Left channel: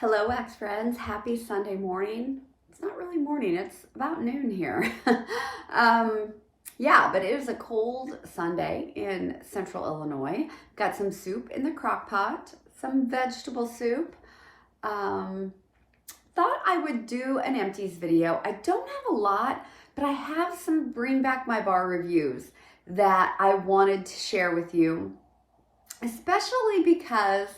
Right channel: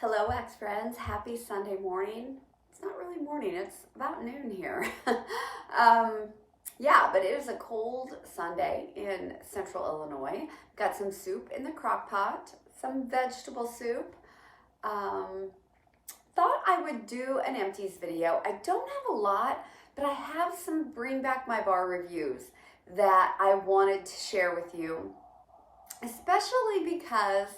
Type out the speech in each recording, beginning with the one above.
Hello, wax friends. Happy Sunday morning. It's not really morning, it's about noon here. um, yeah, but it was a cold Sunday in central Illinois. Got some soup in the crock pot, some vegetable soup. Um, Thought I would do an empties video. I don't have a lot, but I have some bring back my bar reviews that I wanted to share with you, especially because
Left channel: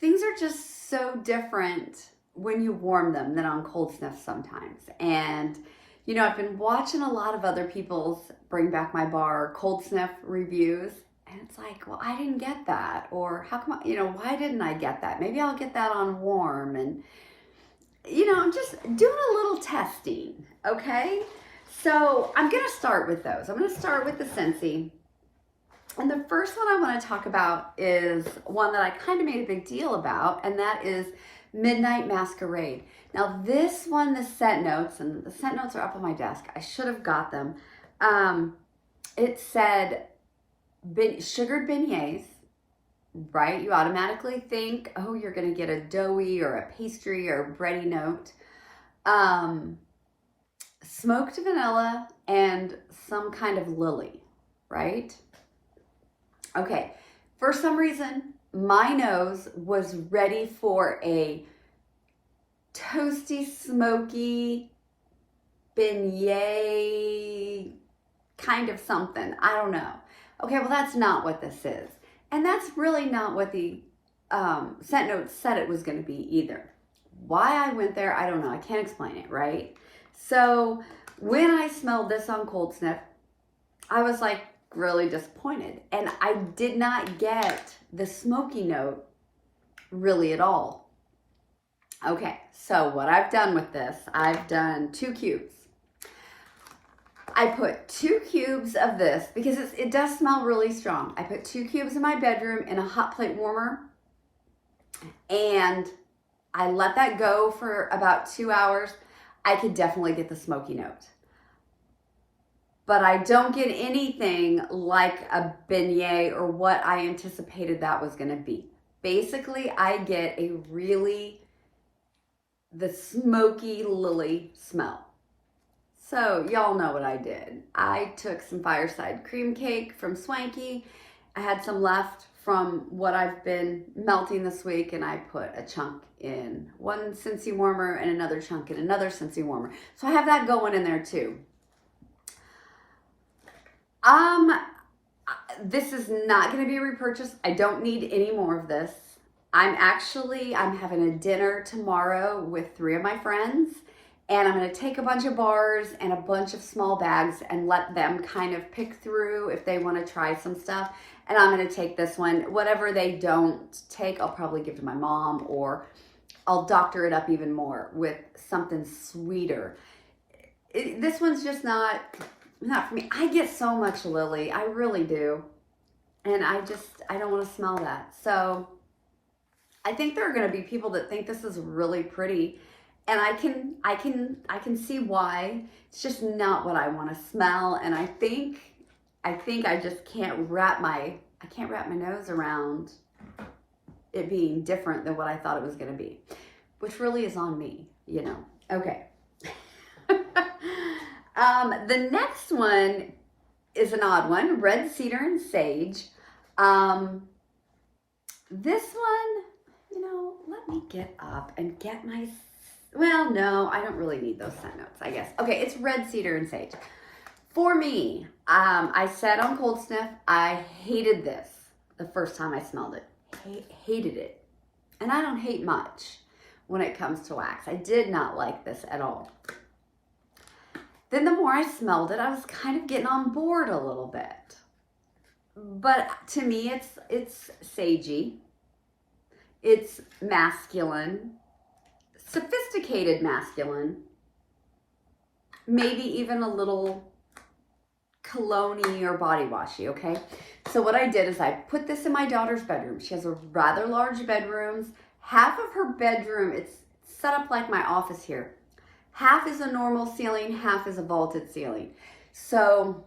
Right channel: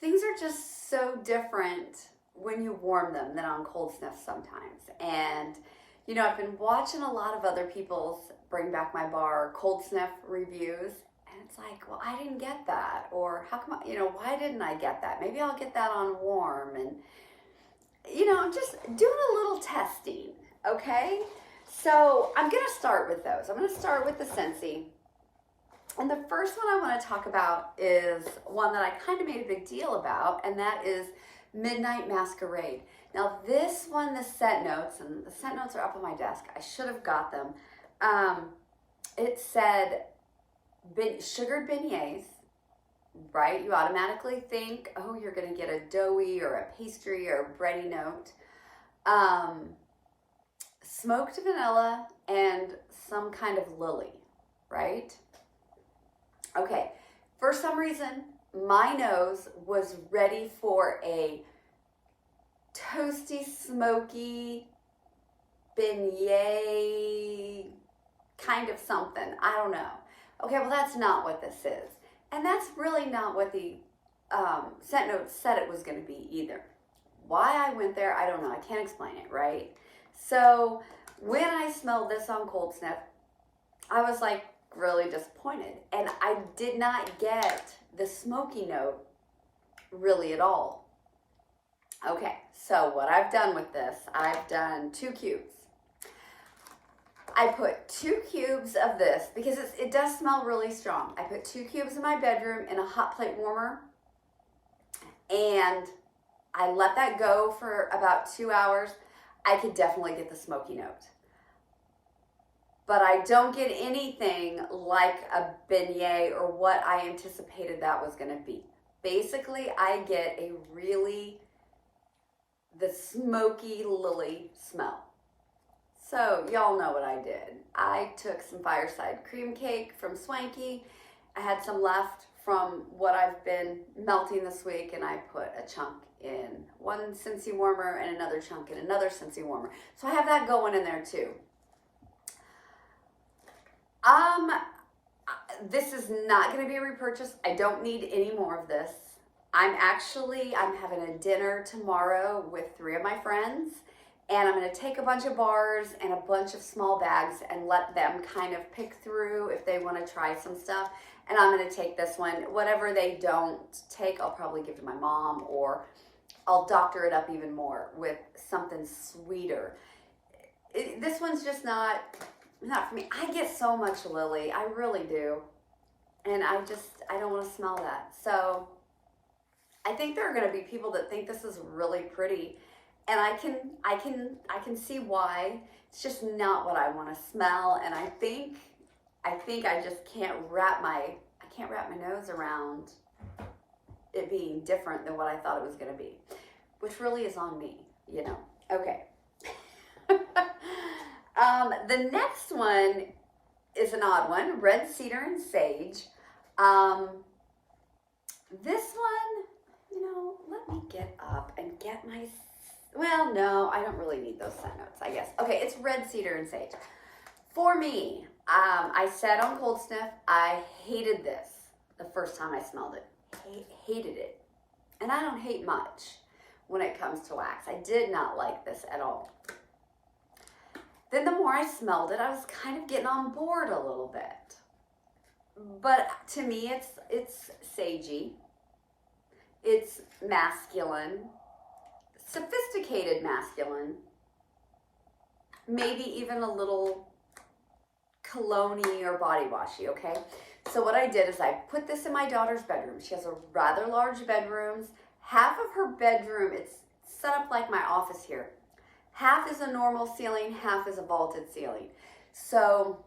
things are just so different when you warm them than on cold sniff sometimes. And, you know, I've been watching a lot of other people's bring back my bar cold sniff reviews. And it's like, well, I didn't get that. Or how come, why didn't I get that? Maybe I'll get that on warm. And, I'm just doing a little testing, okay? So I'm going to start with those. I'm going to start with the Scentsy. And the first one I want to talk about is one that I kind of made a big deal about, and that is Midnight Masquerade. Now this one, the scent notes, and the scent notes are up on my desk. I should have got them. It said sugared beignets, right? You automatically think, oh, you're going to get a doughy or a pastry or a bready note. Smoked vanilla and some kind of lily, right? Okay, for some reason, my nose was ready for a toasty, smoky, beignet kind of something. I don't know. Okay, well, that's not what this is. And that's really not what the scent notes said it was going to be either. Why I went there, I don't know. I can't explain it, right? So when I smelled this on cold sniff, I was like, really disappointed, and I did not get the smoky note really at all. Okay, so what I've done with this, I've done 2 cubes. I put 2 cubes of this because it does smell really strong. I put 2 cubes in my bedroom in a hot plate warmer, and I let that go for about 2 hours. I could definitely get the smoky note, but I don't get anything like a beignet or what I anticipated that was going to be. Basically, I get the smoky lily smell. So y'all know what I did. I took some fireside cream cake from Swanky. I had some left from what I've been melting this week, and I put a chunk in one Scentsy warmer and another chunk in another Scentsy warmer. So I have that going in there too. This is not going to be a repurchase. I don't need any more of this. I'm having a dinner tomorrow with 3 of my friends, and I'm going to take a bunch of bars and a bunch of small bags and let them kind of pick through if they want to try some stuff. And I'm going to take this one. Whatever they don't take, I'll probably give to my mom, or I'll doctor it up even more with something sweeter. This one's just not for me. I get so much lily. I really do. And I don't want to smell that. So I think there are going to be people that think this is really pretty. And I can see why. It's just not what I want to smell. And I think I just can't wrap my nose around it being different than what I thought it was going to be, which really is on me, Okay. The next one is an odd one, red cedar and sage. This one, let me get up and get my, well, no, I don't really need those scent notes, I guess. Okay, it's red cedar and sage. For me, I said on cold sniff, I hated this the first time I smelled it. Hated it. And I don't hate much when it comes to wax. I did not like this at all. Then the more I smelled it, I was kind of getting on board a little bit. But to me, it's sagey. It's masculine, sophisticated masculine, maybe even a little cologne-y or body washy, okay? So what I did is I put this in my daughter's bedroom. She has a rather large bedroom. Half of her bedroom, it's set up like my office here. Half is a normal ceiling, half is a vaulted ceiling. So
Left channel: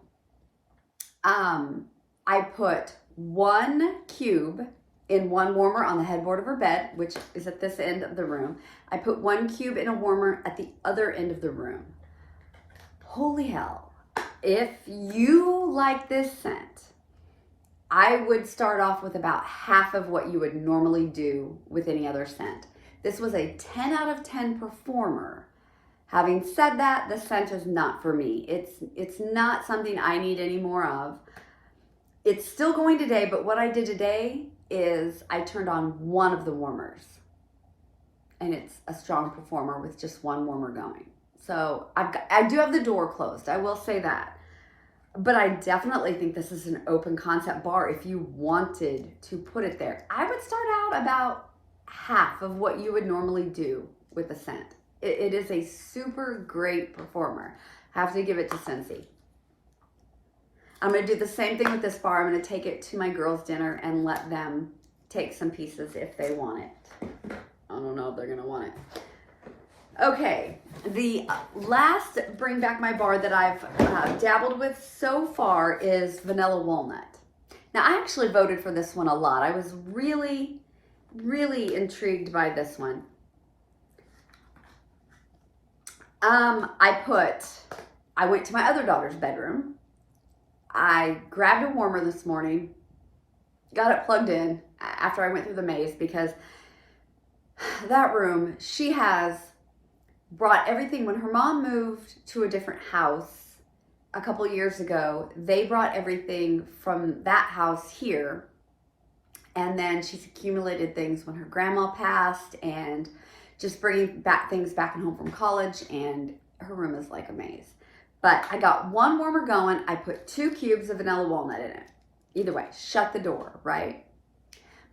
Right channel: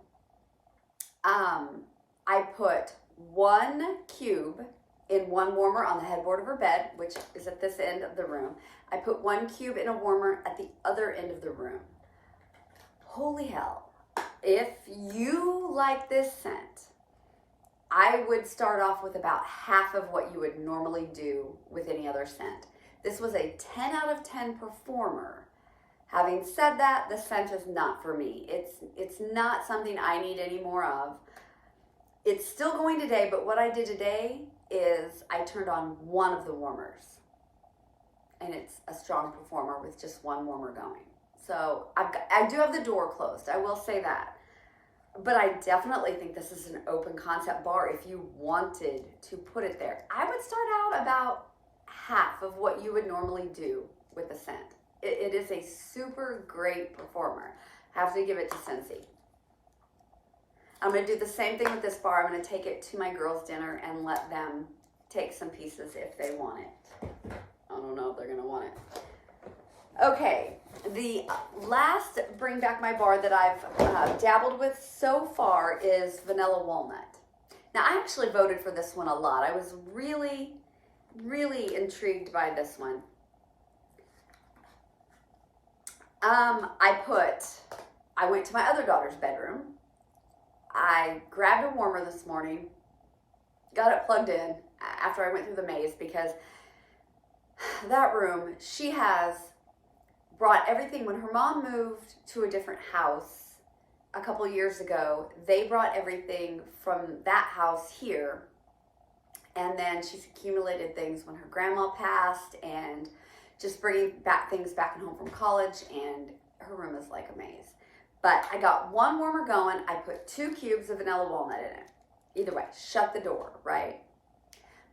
I put 1 cube in one warmer on the headboard of her bed, which is at this end of the room. I put 1 cube in a warmer at the other end of the room. Holy hell. If you like this scent, I would start off with about half of what you would normally do with any other scent. This was a 10 out of 10 performer. Having said that, the scent is not for me. It's not something I need any more of. It's still going today, but what I did today is I turned on one of the warmers. And it's a strong performer with just one warmer going. So I do have the door closed, I will say that. But I definitely think this is an open concept bar if you wanted to put it there. I would start out about half of what you would normally do with the scent. It is a super great performer. I have to give it to Scentsy. I'm going to do the same thing with this bar. I'm going to take it to my girls' dinner and let them take some pieces if they want it. I don't know if they're going to want it. Okay, the last Bring Back My Bar that I've dabbled with so far is Vanilla Walnut. Now, I actually voted for this one a lot. I was really, really intrigued by this one. I went to my other daughter's bedroom. I grabbed a warmer this morning, got it plugged in after I went through the maze because that room, she has brought everything. When her mom moved to a different house a couple years ago, they brought everything from that house here. And then she's accumulated things when her grandma passed and just bringing back things back and home from college, and her room is like a maze. But I got one warmer going. I put 2 cubes of vanilla walnut in it. Either way, shut the door, right?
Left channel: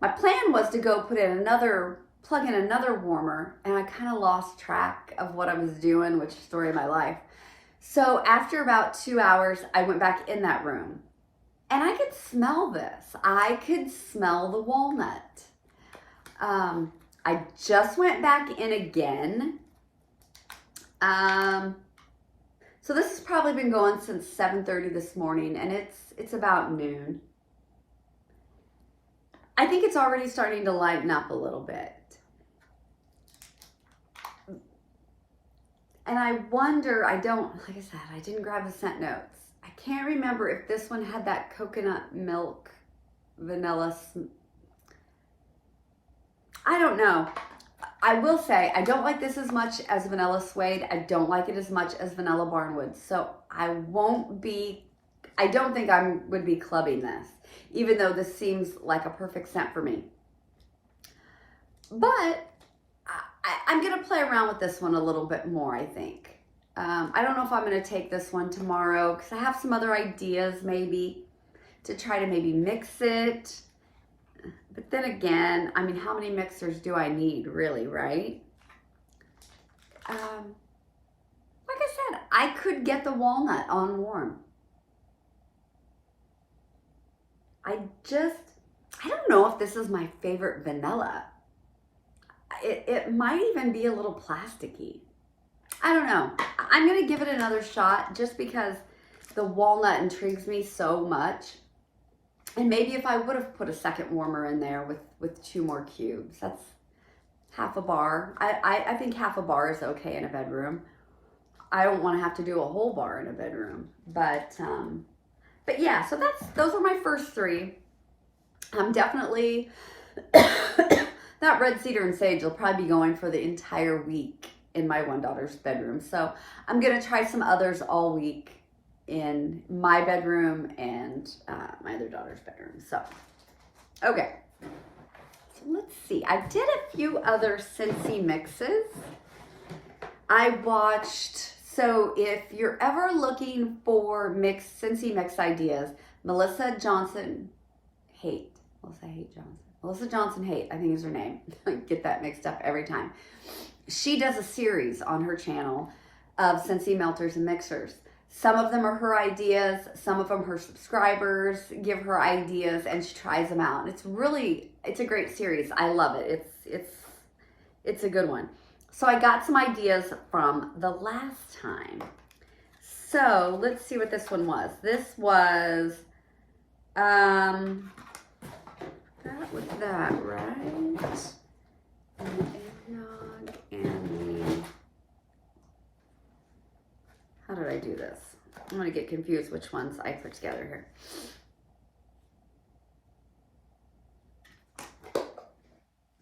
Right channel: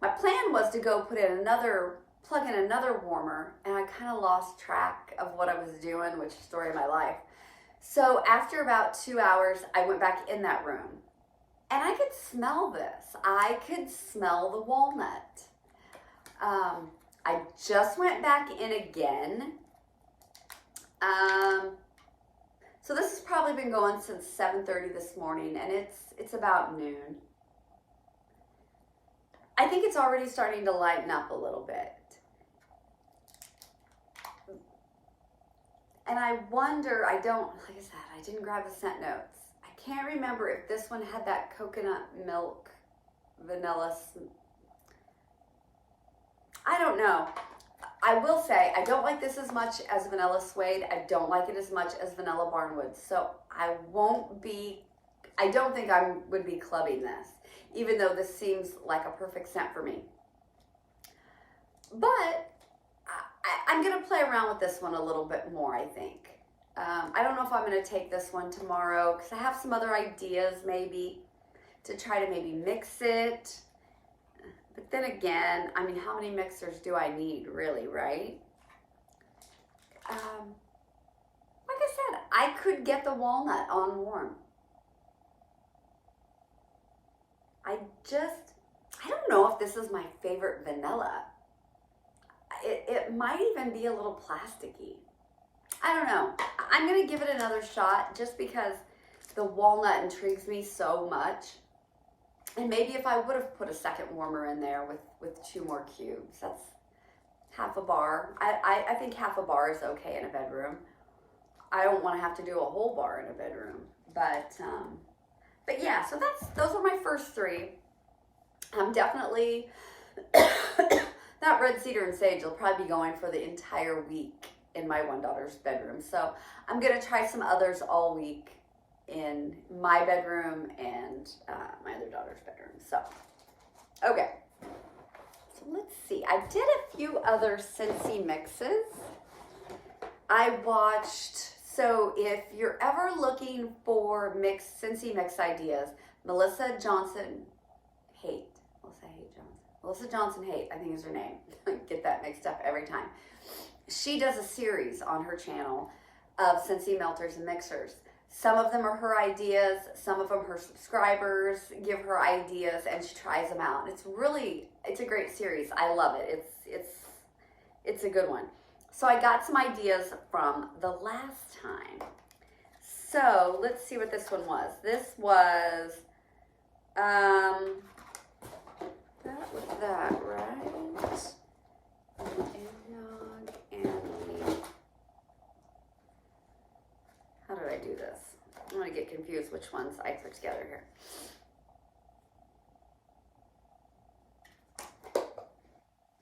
My plan was to go plug in another warmer, and I kind of lost track of what I was doing, which is the story of my life. So after about 2 hours, I went back in that room, and I could smell this. I could smell the walnut. I just went back in again. So this has probably been going since 7:30 this morning, and it's about noon. I think it's already starting to lighten up a little bit. And I wonder, like I said, I didn't grab the scent notes. I can't remember if this one had that coconut milk vanilla. I don't know. I will say, I don't like this as much as vanilla suede. I don't like it as much as vanilla barnwood. So I don't think I would be clubbing this, even though this seems like a perfect scent for me. But I'm going to play around with this one a little bit more, I think. I don't know if I'm going to take this one tomorrow because I have some other ideas maybe to try to maybe mix it. But then again, I mean, how many mixers do I need really, right? Like I said, I could get the walnut on warm. I don't know if this is my favorite vanilla. It might even be a little plasticky. I don't know. I'm going to give it another shot just because the walnut intrigues me so much. And maybe if I would have put a second warmer in there with 2 more cubes, that's half a bar. I think half a bar is okay in a bedroom. I don't want to have to do a whole bar in a bedroom. But yeah, so those are my first 3. I'm definitely, that red cedar and sage will probably be going for the entire week in my one daughter's bedroom. So I'm going to try some others all week in my bedroom and my other daughter's bedroom. So, okay. So let's see. I did a few other Scentsy mixes. I watched, so if you're ever looking for Scentsy mix ideas, Melissa Johnson Haight, I think is her name. I get that mixed up every time. She does a series on her channel of Scentsy melters and mixers. Some of them are her ideas, some of them her subscribers give her ideas, and she tries them out. And it's a great series. I love it. It's a good one. So I got some ideas from the last time. So let's see what this one was. This was that with that, right? And the eggnog and the... How did I do this? I'm going to get confused which ones I put together here.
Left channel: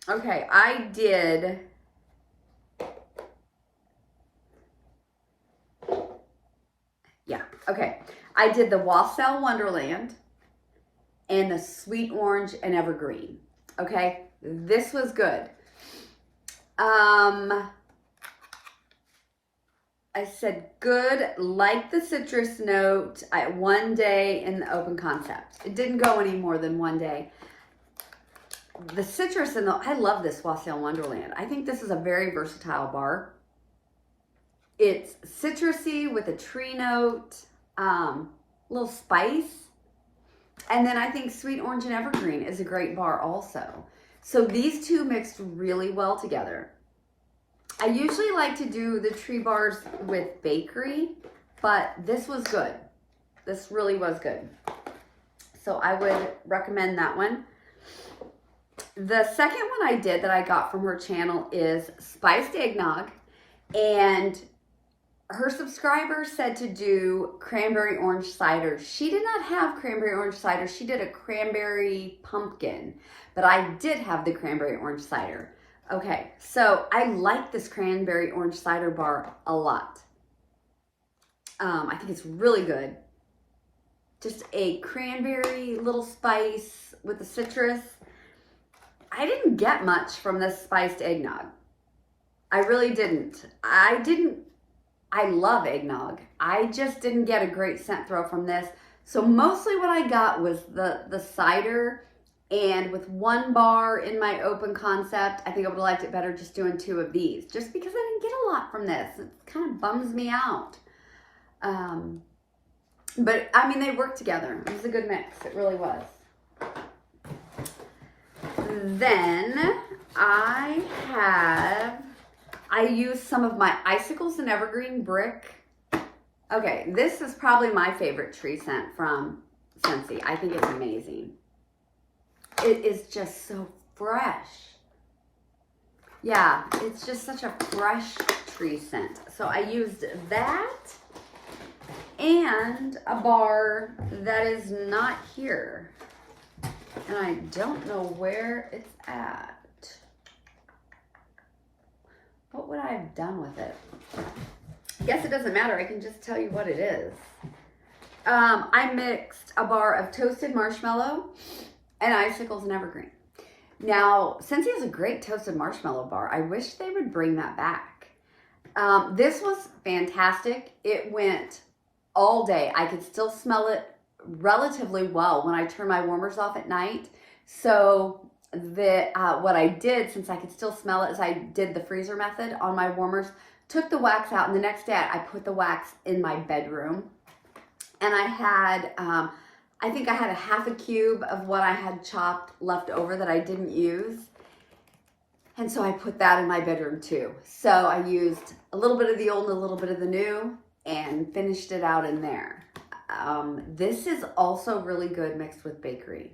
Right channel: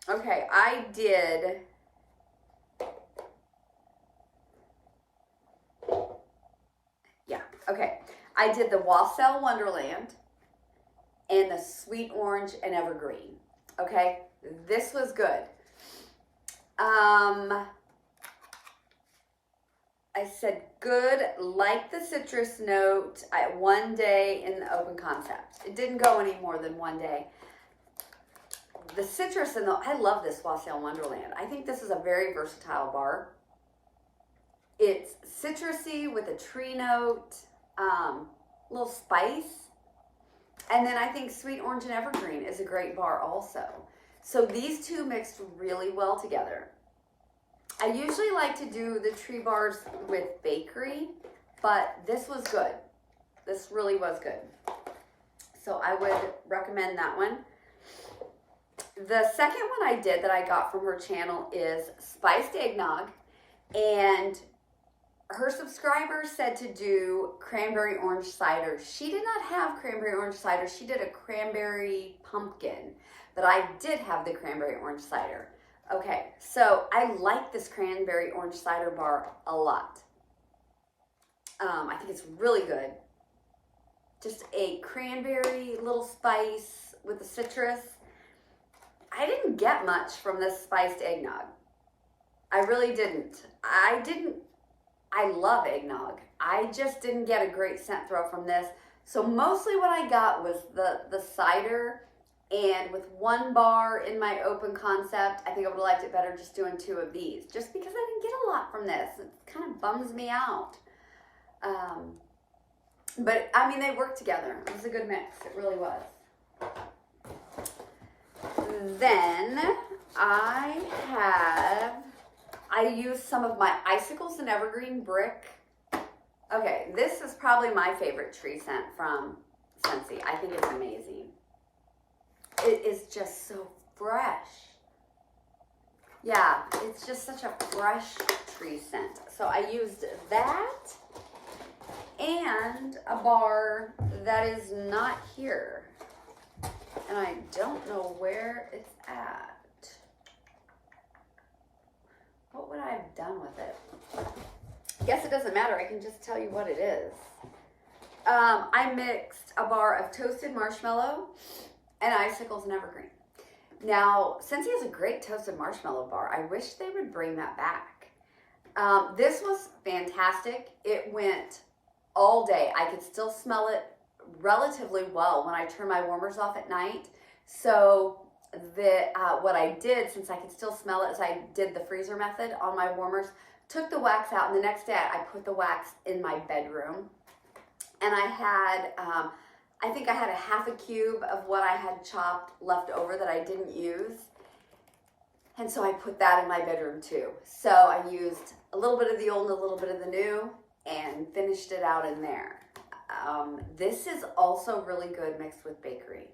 Okay, I did... Yeah, okay. I did the Wassail Wonderland and the Sweet Orange and Evergreen. Okay, this was good. I said good, like the citrus note, one day in the open concept. It didn't go any more than one day. The citrus and I love this Wassail Wonderland. I think this is a very versatile bar. It's citrusy with a tree note, little spice. And then I think Sweet Orange and Evergreen is a great bar also. So these two mixed really well together. I usually like to do the tree bars with bakery, but this was good. This really was good. So I would recommend that one. The second one I did that I got from her channel is spiced eggnog, and her subscribers said to do cranberry orange cider. She did not have cranberry orange cider. She did a cranberry pumpkin, but I did have the cranberry orange cider. Okay, so I like this cranberry orange cider bar a lot. I think it's really good. Just a cranberry little spice with the citrus. I didn't get much from this spiced eggnog. I really didn't. I love eggnog. I just didn't get a great scent throw from this. So mostly what I got was the cider, and with one bar in my open concept, I think I would have liked it better just doing two of these, just because I didn't get a lot from this. It kind of bums me out. But I mean, they work together. It was a good mix. It really was. Then I used some of my Icicles and Evergreen Brick. Okay, this is probably my favorite tree scent from Scentsy. I think it's amazing. It is just so fresh. Yeah, it's just such a fresh tree scent. So I used that and a bar that is not here. And I don't know where it's at. What would I have done with it? I guess it doesn't matter. I can just tell you what it is. I mixed a bar of toasted marshmallow and Icicles and Evergreen. Now, Scentsy has a great toasted marshmallow bar. I wish they would bring that back. This was fantastic. It went all day. I could still smell it relatively well when I turn my warmers off at night. So what I did, since I could still smell it, is I did the freezer method on my warmers, took the wax out, and the next day I put the wax in my bedroom. And I had, I think I had a half a cube of what I had chopped left over that I didn't use. And so I put that in my bedroom too. So I used a little bit of the old and a little bit of the new and finished it out in there. This is also really good mixed with bakery.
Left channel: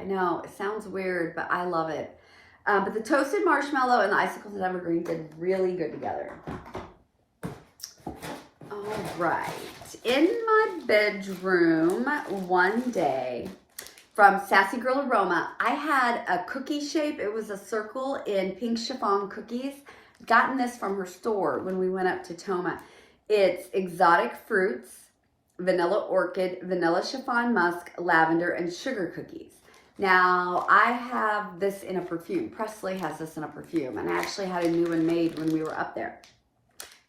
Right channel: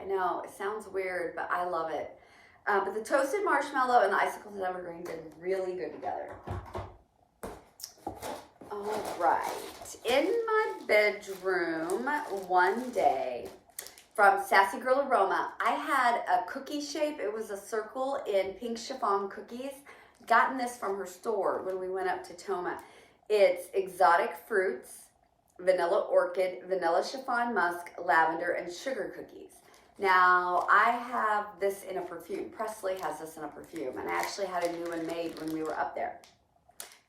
I know, it sounds weird, but I love it. But the toasted marshmallow and the Icicles and Evergreen did really good together. All right. In my bedroom one day from Sassy Girl Aroma, I had a cookie shape. It was a circle in pink chiffon cookies. Gotten this from her store when we went up to Toma. It's exotic fruits, vanilla orchid, vanilla chiffon musk, lavender, and sugar cookies. Now, I have this in a perfume. Presley has this in a perfume, and I actually had a new one made when we were up there.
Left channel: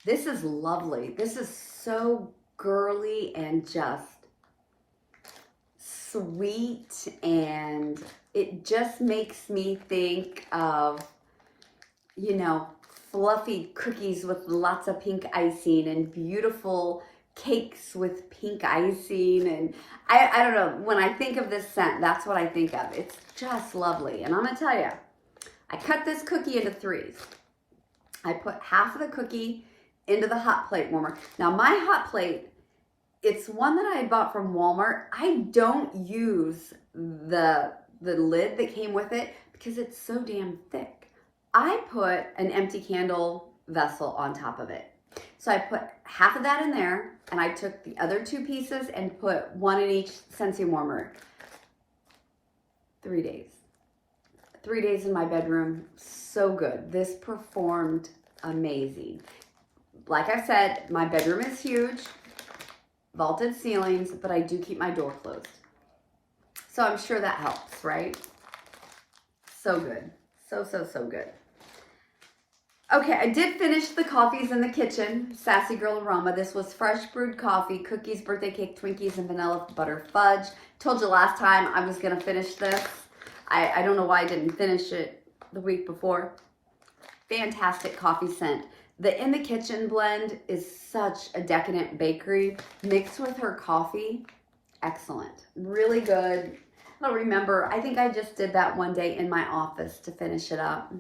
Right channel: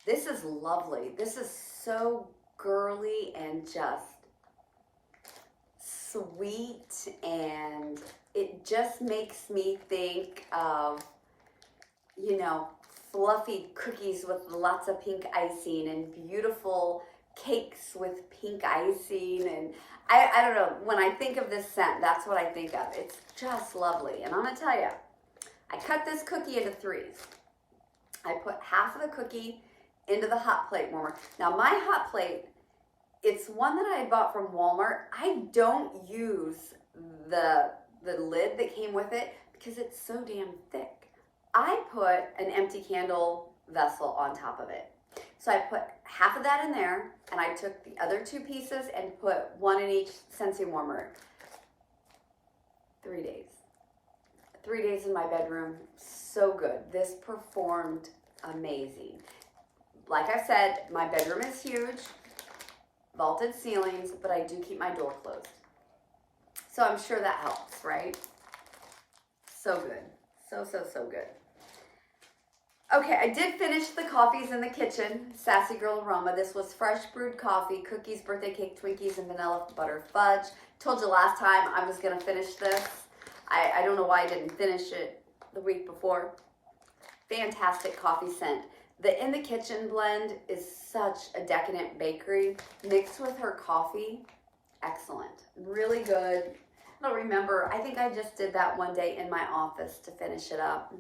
This is lovely. This is so girly and just sweet, and it just makes me think of, you know, fluffy cookies with lots of pink icing and beautiful cakes with pink icing. And I don't know, when I think of this scent, that's what I think of. It's just lovely. And I'm gonna tell you, I cut this cookie into threes. I put half of the cookie into the hot plate warmer. Now my hot plate, it's one that I had bought from Walmart. I don't use the the lid that came with it because it's so damn thick. I put an empty candle vessel on top of it. So I put half of that in there, and I took the other 2 pieces and put one in each Scentsy warmer. 3 days. 3 days in my bedroom. So good. This performed amazing. Like I said, my bedroom is huge, vaulted ceilings, but I do keep my door closed. So I'm sure that helps, right? So good. So good. Okay, I did finish the coffees in the kitchen. Sassy Girl Aroma. This was fresh brewed coffee, cookies, birthday cake, Twinkies, and vanilla butter fudge. Told you last time I was going to finish this. I don't know why I didn't finish it the week before. Fantastic coffee scent. The In the Kitchen blend is such a decadent bakery. Mixed with her coffee, excellent. Really good. I don't remember. I think I just did that one day in my office to finish it up.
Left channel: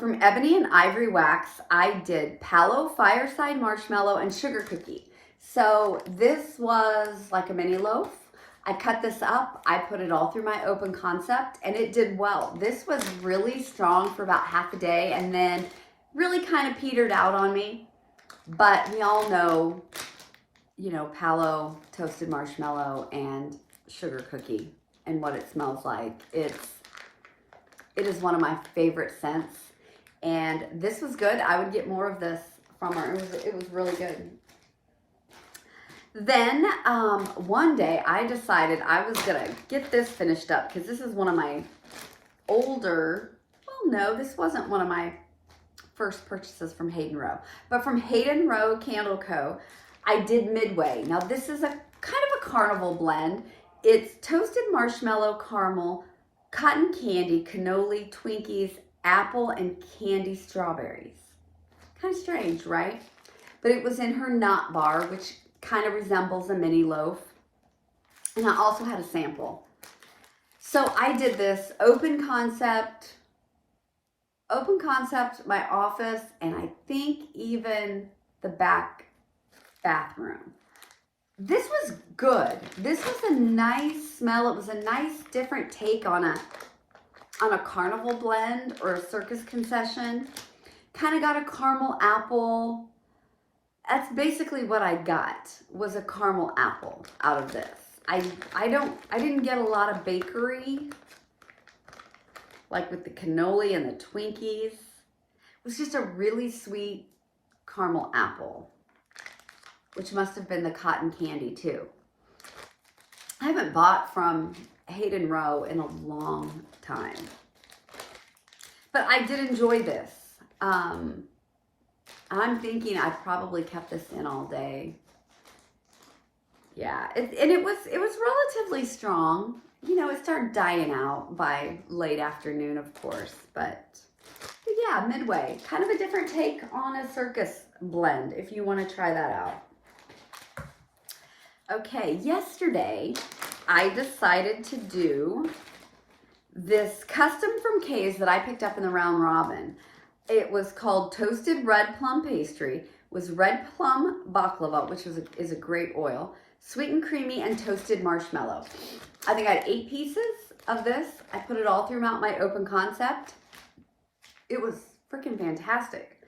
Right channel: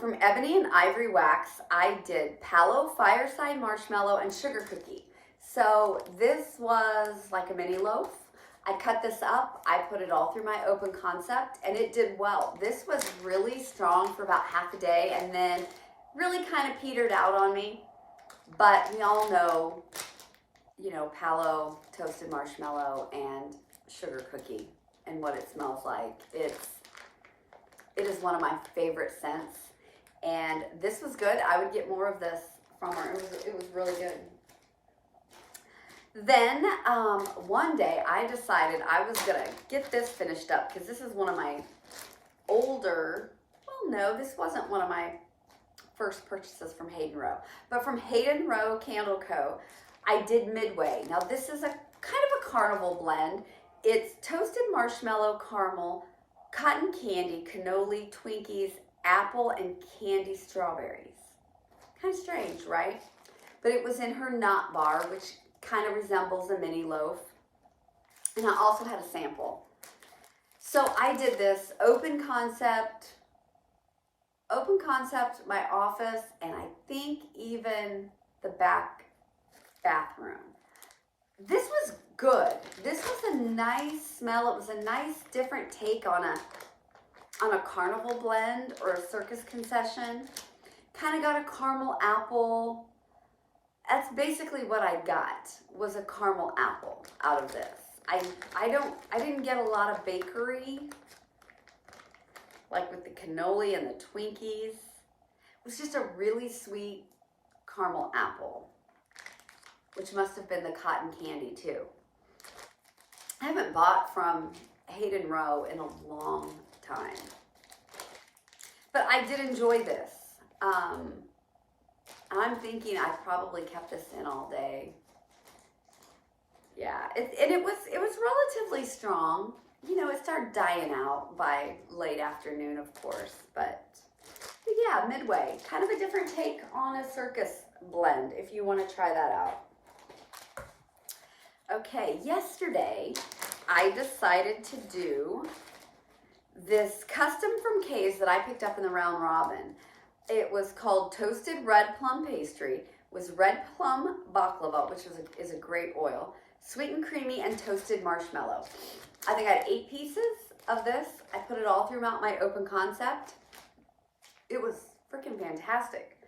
From Ebony and Ivory Wax, I did Palo Fireside Marshmallow and Sugar Cookie. So this was like a mini loaf. I cut this up, I put it all through my open concept, and it did well. This was really strong for about half a day and then really kind of petered out on me. But we all know, you know, Palo toasted marshmallow and sugar cookie and what it smells like. It is one of my favorite scents, and this was good. I would get more of this from her. It was really good. Then one day I decided I was gonna get this finished up because this is one of my older, well, no, this wasn't one of my first purchases from Hayden Rowe, but from Hayden Rowe Candle Co. I did Midway. Now this is a kind of a carnival blend. It's toasted marshmallow, caramel, cotton candy, cannoli, Twinkies, apple, and candy strawberries. Kind of strange, right? But it was in her knot bar, which kind of resembles a mini loaf. And I also had a sample. So I did this open concept, my office, and I think even the back bathroom. This was good. This was a nice smell. It was a nice different take on a carnival blend or a circus concession. Kind of got a caramel apple. That's basically what I got, was a caramel apple out of this. I didn't get a lot of bakery, like with the cannoli and the Twinkies. It was just a really sweet caramel apple, which must have been the cotton candy too. I haven't bought from Hayden Rowe in a long time, but I did enjoy this. I'm thinking I probably kept this in all day. Yeah, and it was relatively strong. You know, it started dying out by late afternoon, of course, but yeah, Midway. Kind of a different take on a circus blend if you want to try that out. Okay, yesterday I decided to do this custom from Kay's that I picked up in the Round Robin. It was called Toasted Red Plum Pastry. It was red plum baklava, which is a great oil, sweet and creamy, and toasted marshmallow. I think I had 8 pieces of this. I put it all throughout my open concept. It was freaking fantastic.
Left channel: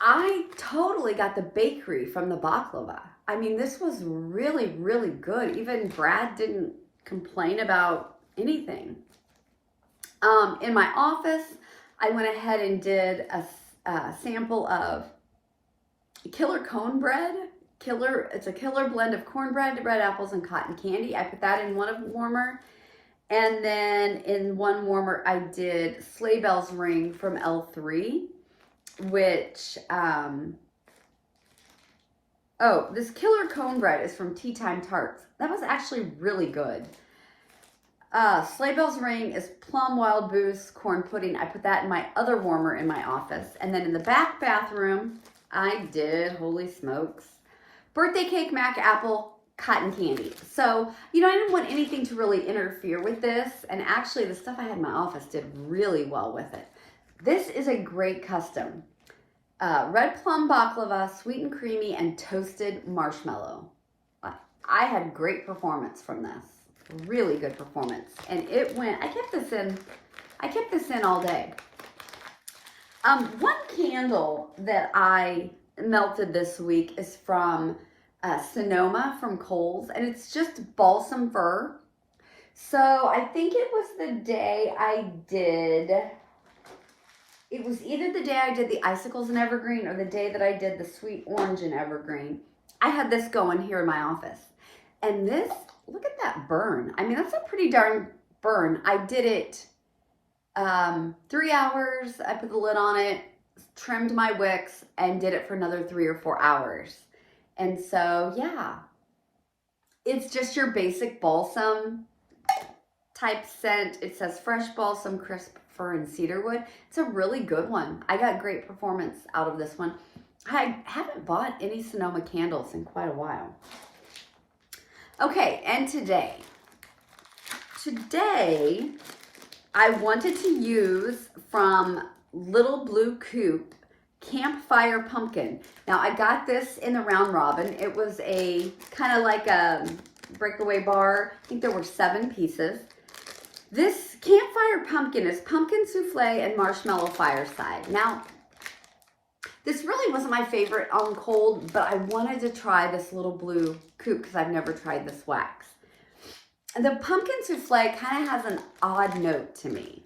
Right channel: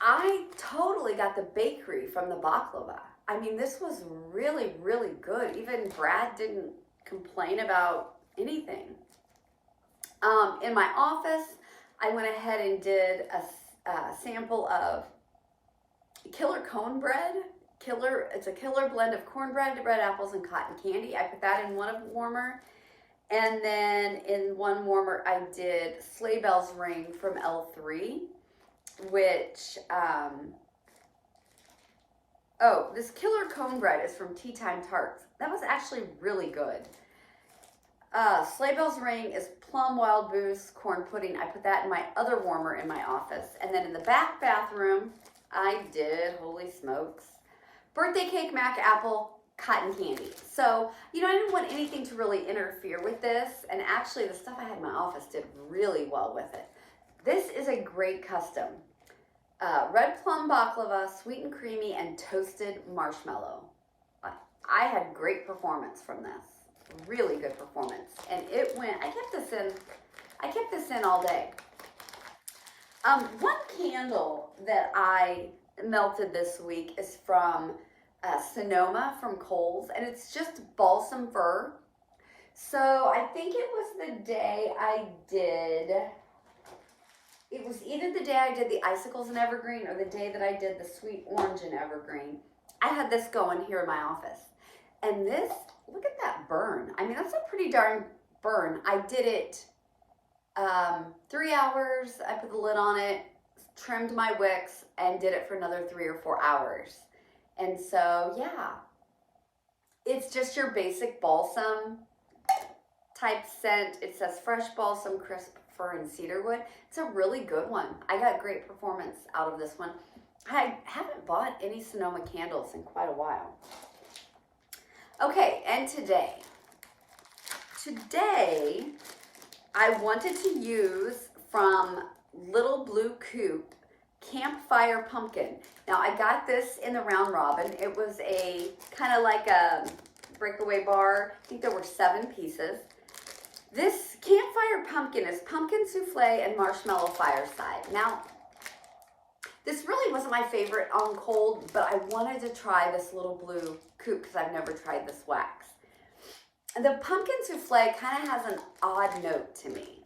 I totally got the bakery from the baklava. I mean, this was really, really good. Even Brad didn't complain about anything. In my office, I went ahead and did a sample of Killer Cone Bread. It's a killer blend of cornbread, red apples, and cotton candy. I put that in one warmer. And then in one warmer, I did Sleigh Bells Ring from L3, which, this Killer Cone Bread is from Tea Time Tarts. That was actually really good. Sleigh Bells Ring is Plum Wild Boost Corn Pudding. I put that in my other warmer in my office. And then in the back bathroom, I did, holy smokes, Birthday Cake Mac Apple Cotton Candy. So, you know, I didn't want anything to really interfere with this. And actually, the stuff I had in my office did really well with it. This is a great custom. Red plum baklava, sweet and creamy, and toasted marshmallow. I had great performance from this. Really good performance. And it went, I kept this in all day. One candle that I melted this week is from Sonoma from Kohl's, and it's just balsam fir. So I think it was the day I did, it was either the day I did the icicles in evergreen or the day that I did the sweet orange in evergreen. I had this going here in my office. And this, look at that burn. I mean, that's a pretty darn burn. I did it 3 hours. I put the lid on it, trimmed my wicks, and did it for another 3 or 4 hours. And so, yeah, it's just your basic balsam type scent. It says fresh balsam, crisp fir, and cedarwood. It's a really good one. I got great performance out of this one. I haven't bought any Sonoma candles in quite a while. Okay, and today I wanted to use from Little Blue Coupe Campfire Pumpkin. Now I got this in the round robin. It was a kind of like a breakaway bar. I think there were 7 pieces. This Campfire Pumpkin is pumpkin souffle and marshmallow fireside. Now, this really wasn't my favorite on cold, but I wanted to try this Little Blue Coupe because I've never tried this wax. The pumpkin souffle kind of has an odd note to me.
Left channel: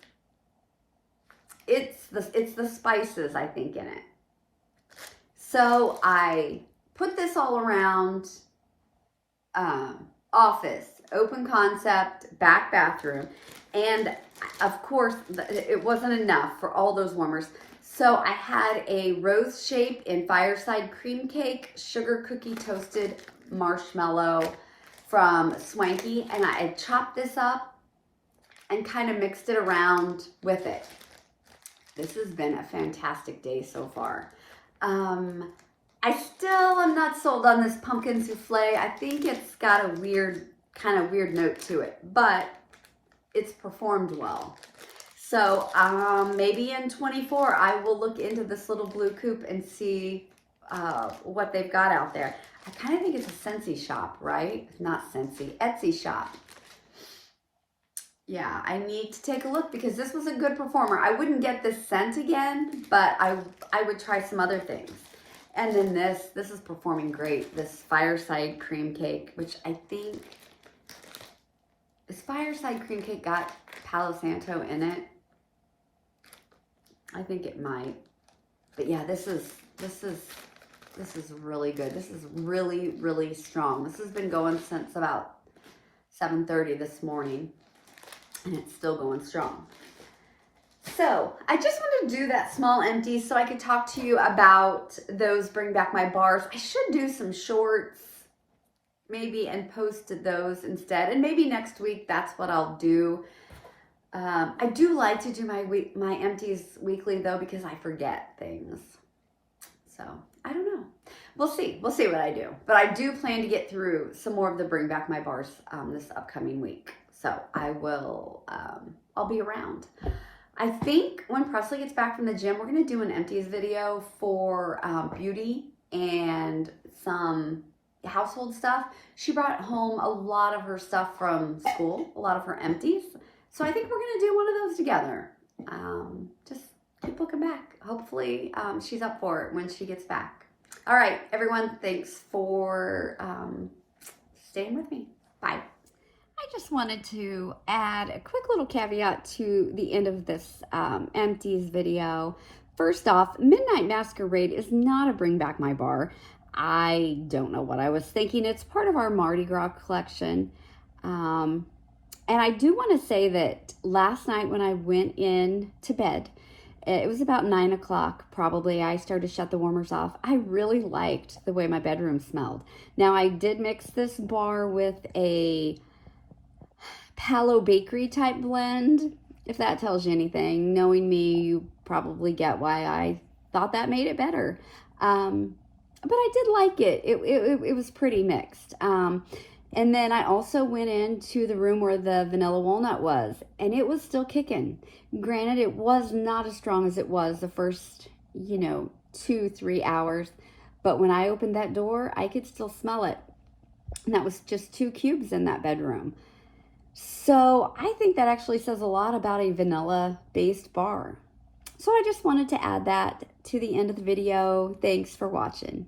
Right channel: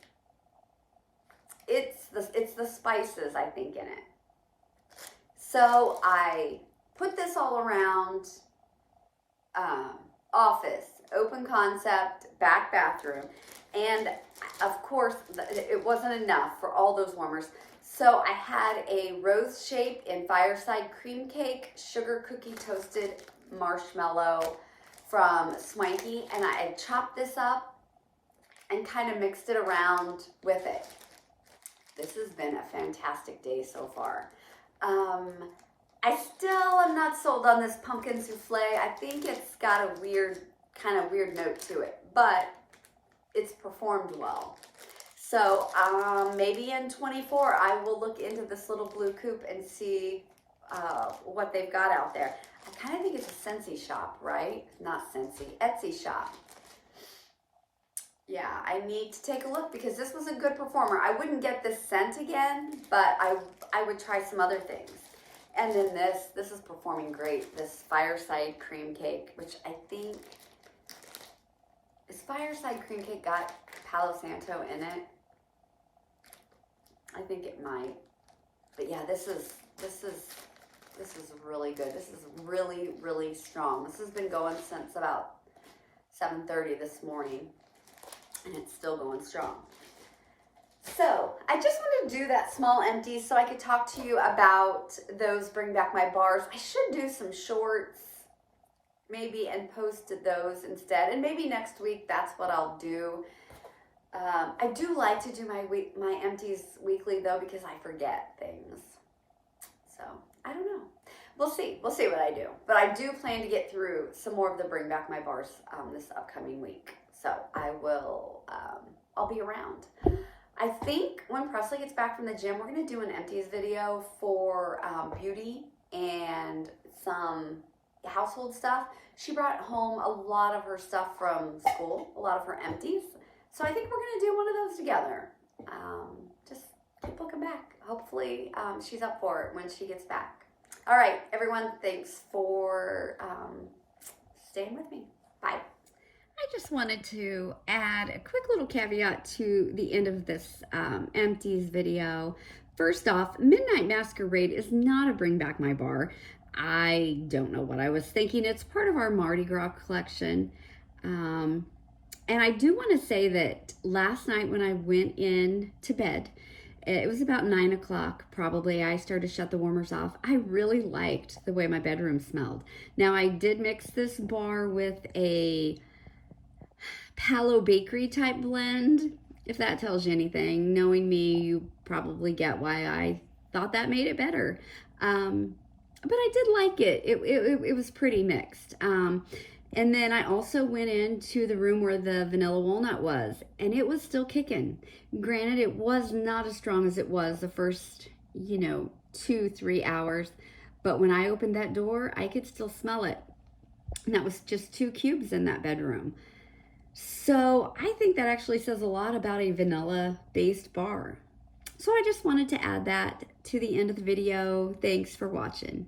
It's the spices, I think, in it. So I put this all around office, open concept, back bathroom, and of course it wasn't enough for all those warmers. So I had a rose shape in fireside cream cake, sugar cookie toasted marshmallow from Swanky, and I chopped this up and kind of mixed it around with it. This has been a fantastic day so far. I still am not sold on this pumpkin souffle. I think it's got a kind of weird note to it, but it's performed well. So maybe in 24, I will look into this Little Blue Coupe and see what they've got out there. I kind of think it's a Scentsy shop, right? Not Scentsy, Etsy shop. Yeah, I need to take a look because this was a good performer. I wouldn't get this scent again, but I would try some other things. And then this is performing great. This fireside cream cake, which I think, is fireside cream cake got Palo Santo in it? I think it might. But yeah, this is really good. This is really, really strong. This has been going since about 7:30 this morning, and it's still going strong. So I just wanted to do that small empty so I could talk to you about those Bring Back My Bars. I should do some shorts maybe and post those instead. And maybe next week that's what I'll do. I do like to do my empties weekly though because I forget things. So I don't know. We'll see. We'll see what I do. But I do plan to get through some more of the Bring Back My Bars this upcoming week. So I will, I'll be around. I think when Presley gets back from the gym, we're going to do an empties video for beauty and some household stuff. She brought home a lot of her stuff from school, a lot of her empties. So I think we're going to do one of those together. Just keep looking back. Hopefully she's up for it when she gets back. All right, everyone, thanks for staying with me. Bye. I just wanted to add a quick little caveat to the end of this empties video. First off, Midnight Masquerade is not a Bring Back My Bar. I don't know what I was thinking. It's part of our Mardi Gras collection. And I do want to say that last night when I went in to bed, it was about 9 o'clock probably, I started to shut the warmers off. I really liked the way my bedroom smelled. Now I did mix this bar with a Palo Bakery type blend. If that tells you anything, knowing me, you probably get why I thought that made it better. But I did like it. It was pretty mixed. And then I also went into the room where the vanilla walnut was, and it was still kicking. Granted, it was not as strong as it was the first, 2-3 hours, but when I opened that door, I could still smell it. And that was just 2 cubes in that bedroom. So I think that actually says a lot about a vanilla-based bar. So I just wanted to add that to the end of the video. Thanks for watching.